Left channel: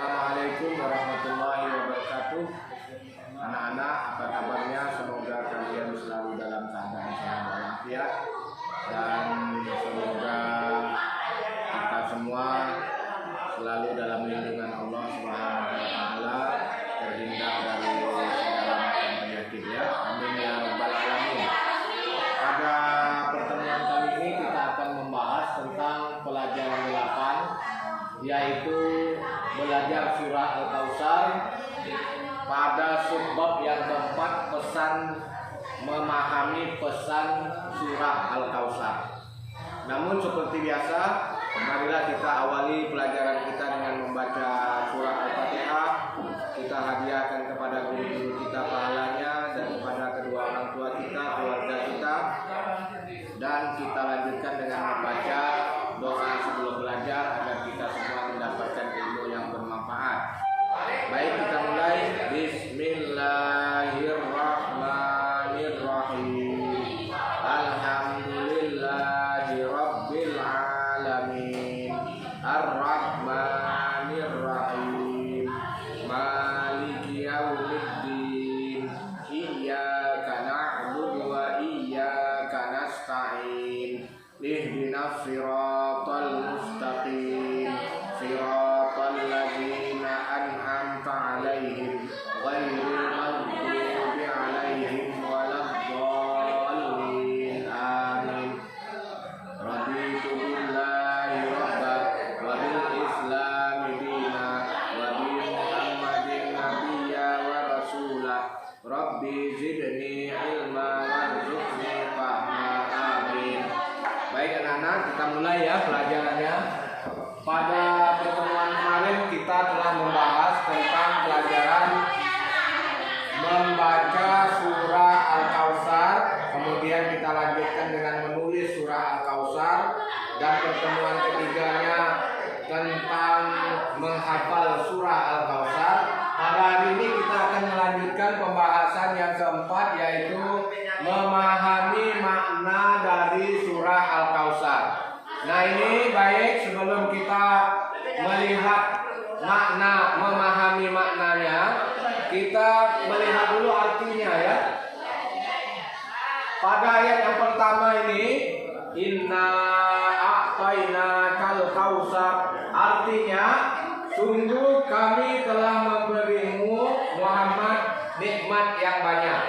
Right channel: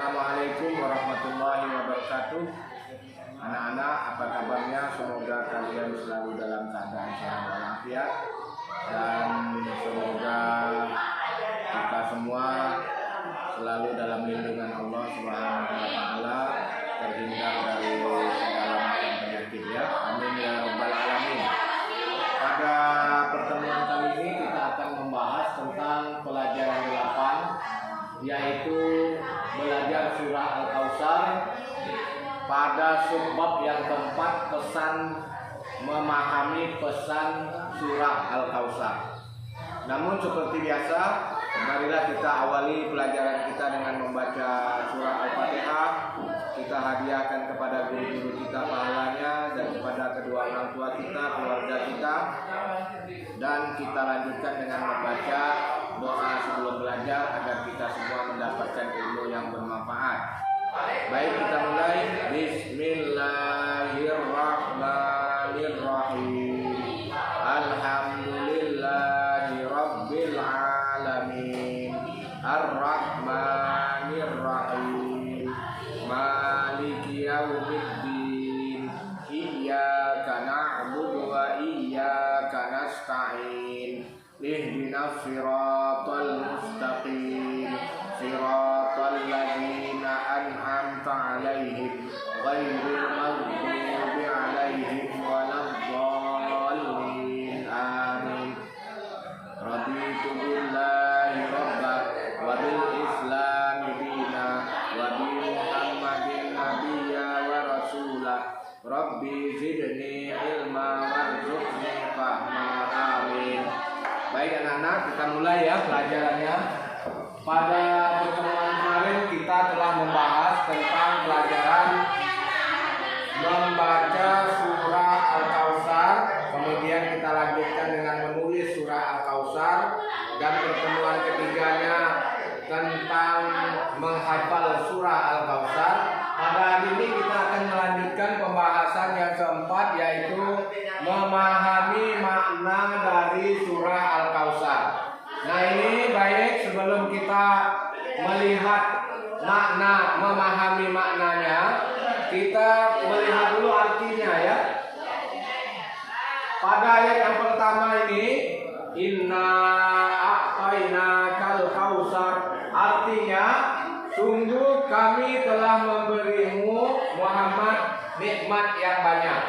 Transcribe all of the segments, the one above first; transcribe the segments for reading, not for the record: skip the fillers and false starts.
Assalamualaikum warahmatullahi wabarakatuh. Anak-anak, apa kabarnya? Semoga kalian selalu dalam keadaan sehat walafiat, dan semoga kita semua selalu dalam lindungan Allah Subhanahu wa taala, terhindar dari segala macam penyakit ya. Amin ya rabbal alamin. Pada pertemuan kali ini kita akan membahas tentang pelajaran 8, yaitu belajar surah Al-Kautsar pada subbab yang keempat, pesan memahami pesan surah Al-Kautsar. Namun seperti biasa, marilah kita awali pelajaran kita dengan membaca surah Al-Fatihah. Kita hadiahkan kepada guru-guru kita pahalanya, dan kepada kedua orang tua kita, keluarga kita. Dan kita lanjutkan dengan membaca doa sebelum belajar agar kita semua mendapatkan ilmu yang bermanfaat. Baik, kita mulai. Bismillahirrahmanirrahim. Alhamdulillahirabbil alamin. Arrahmanirrahim. Maliki yaumiddin. Iyyaka na'budu wa iyyaka nasta'in. Ihdinas siratal mustaqim. Siratal ladzina an'amta 'alaihim ghairil maghdubi 'alaihim waladdallin. Amin. Raditu billahi rabban wa bil islami dina wa bi Muhammadin nabiyya wa rasulah. Rabbi zidni ilma warzuqni fahma. Amin. Baik anak-anak, kita mulai ya pelajarannya. Pada pertemuan kemarin kita telah membahas tentang pelajaran membaca surah Al-Kautsar. Kemudian kita lanjutkan dengan menulis surah Al-Kautsar. Dan pertemuan ketiganya tentang menghafal surah Al-Kautsar. Pada hari ini kita akan melanjutkan pembahasan yang keempat, yaitu memahami makna dari surah Al-Kautsar. Nah, ini baik, sebelum kita melihat makna, memahami maknanya, kita melihat dulu artinya ya. Pada ayat yang pertama ini, inna a'tainakal kautsar, artinya sungguh kami telah memberimu Muhammad nikmat yang banyak.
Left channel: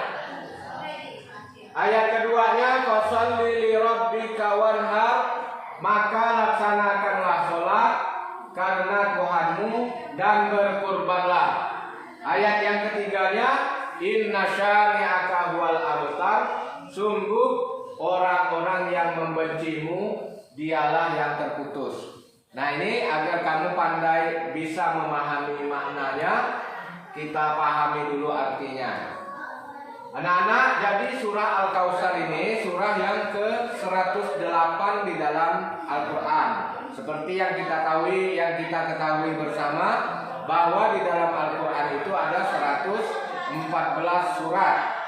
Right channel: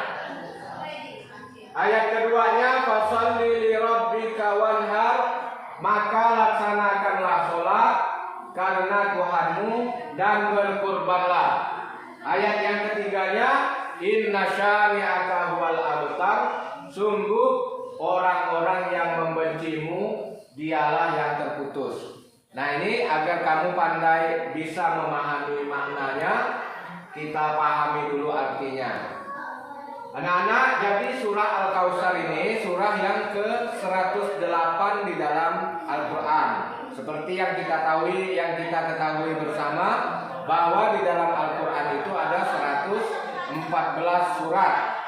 Ayat keduanya, fasholli li rabbika wanhar, maka laksanakanlah sholat karena Tuhanmu dan berkurbanlah. Ayat yang ketiganya, inna syani'aka huwal abtar, sungguh orang-orang yang membencimu dialah yang terputus. Nah, ini agar kamu pandai bisa memahami maknanya, kita pahami dulu artinya. Anak-anak, jadi surah Al-Kautsar ini surah yang ke-108 di dalam Al-Quran. Seperti yang kita ketahui bersama, bahwa di dalam Al-Quran itu ada 114 surat.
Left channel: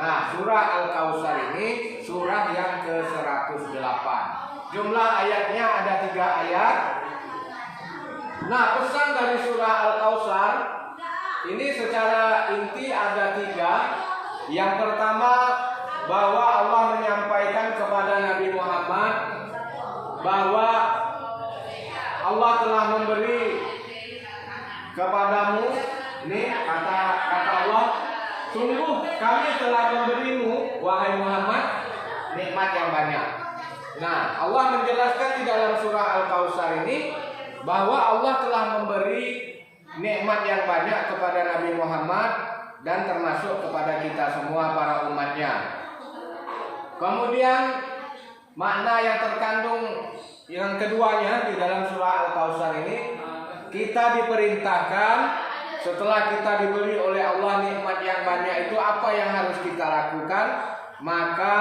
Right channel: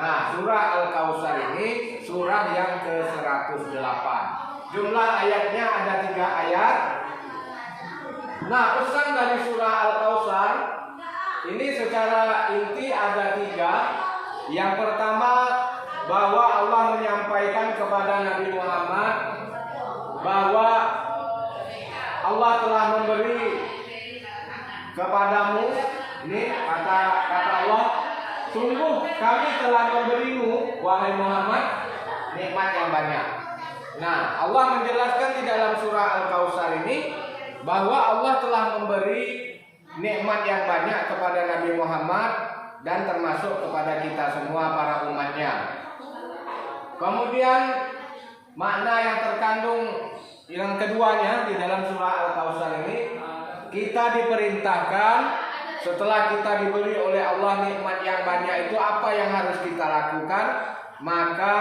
Nah, surah Al-Kautsar ini surah yang ke-108. Jumlah ayatnya ada 3 ayat. Nah, pesan dari surah Al-Kautsar ini secara inti ada 3. Yang pertama, bahwa Allah menyampaikan kepada Nabi Muhammad bahwa Allah telah memberi kepadamu, ini kata Allah, sungguh kami telah memberimu wahai Muhammad nikmat yang banyak. Nah, Allah menjelaskan di dalam surah Al-Kautsar ini bahwa Allah telah memberi nikmat yang banyak kepada Nabi Muhammad dan termasuk kepada kita semua para umatnya. Kemudian makna yang terkandung yang keduanya di dalam surah Al-Kautsar ini, kita diperintahkan setelah kita diberi oleh Allah nikmat yang banyak itu, apa yang harus kita lakukan? Maka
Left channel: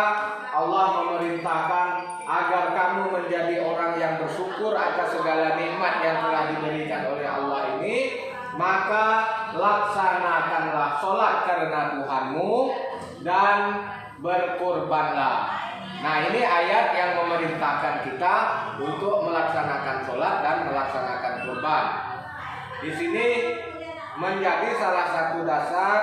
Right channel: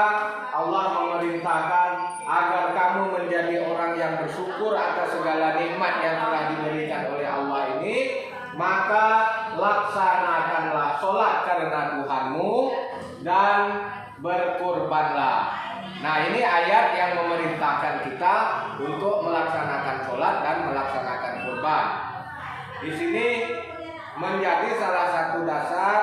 Allah memerintahkan agar kamu menjadi orang yang bersyukur atas segala nikmat yang telah diberikan oleh Allah ini. Maka laksanakanlah sholat karena Tuhanmu dan berkurbanlah. Nah, ini ayat yang memerintahkan kita untuk melaksanakan sholat dan melaksanakan kurban. di sini menjadi salah satu dasar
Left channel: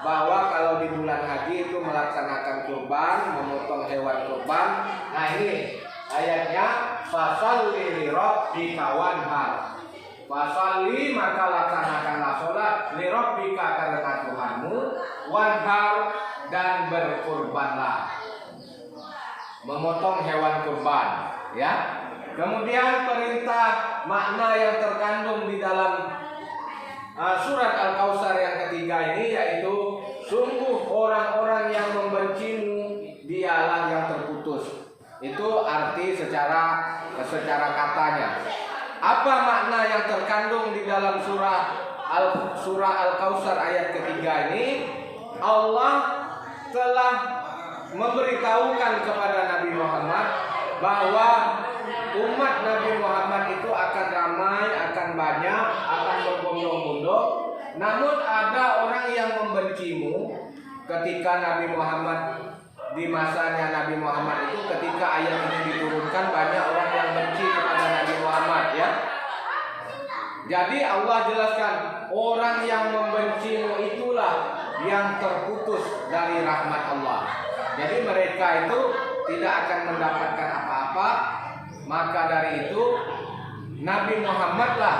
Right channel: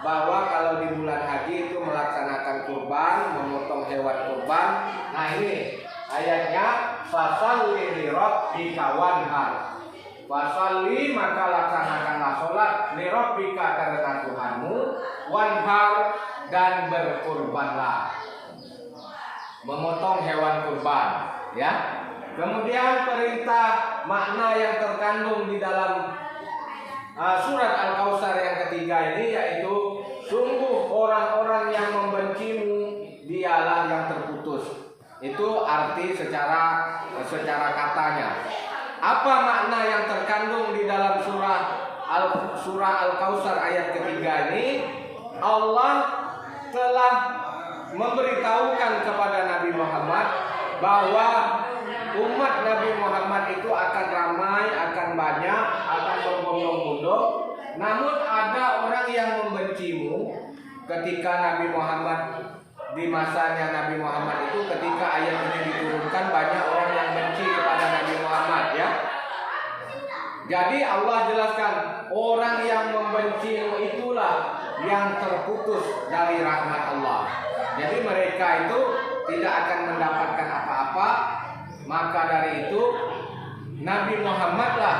bahwa kalau di bulan haji itu melaksanakan kurban, memotong hewan kurban. Nah ini ayatnya, fasalli li rabbika wanhar. Fasalli, maka laksanakanlah sholat, li rabbika, karena Tuhanmu, wanhar, dan berkurbanlah, memotong hewan kurban, ya. Kemudian perintah makna yang terkandung di dalam surat Al-Kautsar yang ketiga ini, yaitu sungguh orang-orang yang membencimu dialah yang terputus. Itu arti secara katanya. Apa makna yang terkandung di dalam surah Al-Kautsar ayat ketiga ini? Allah telah memberitahukan kepada Nabi Muhammad bahwa umat Nabi Muhammad itu akan ramai, akan banyak, akan berbondong-bondong. Namun ada orang yang membencimu ketika Nabi Muhammad, di masanya Nabi Muhammad itu, ketika ayat ini diturunkan, banyak orang yang benci kepada Nabi Muhammad, ya. Jadi Allah jelaskan, orang yang membencimu itulah yang terputus dari rahmat Allah. Jadi mereka itu tidak akan mendapatkan apa-apa. Maka dari itu Nabi Muhammadlah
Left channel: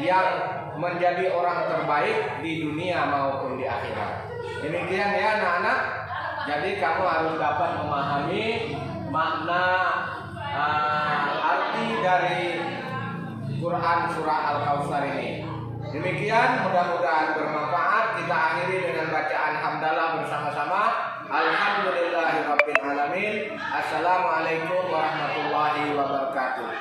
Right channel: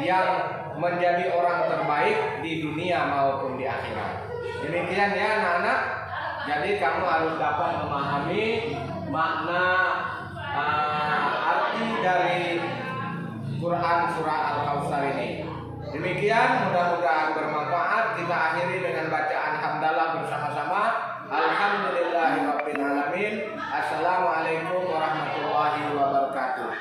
yang menjadi orang terbaik di dunia maupun di akhirat. Demikian ya anak-anak. Jadi kamu harus dapat memahami makna arti dari Quran surah Al-Kautsar ini. Demikian, mudah-mudahan bermanfaat. Kita akhiri dengan bacaan hamdalah bersama-sama. Alhamdulillahirabbil alamin. Assalamualaikum warahmatullahi wabarakatuh.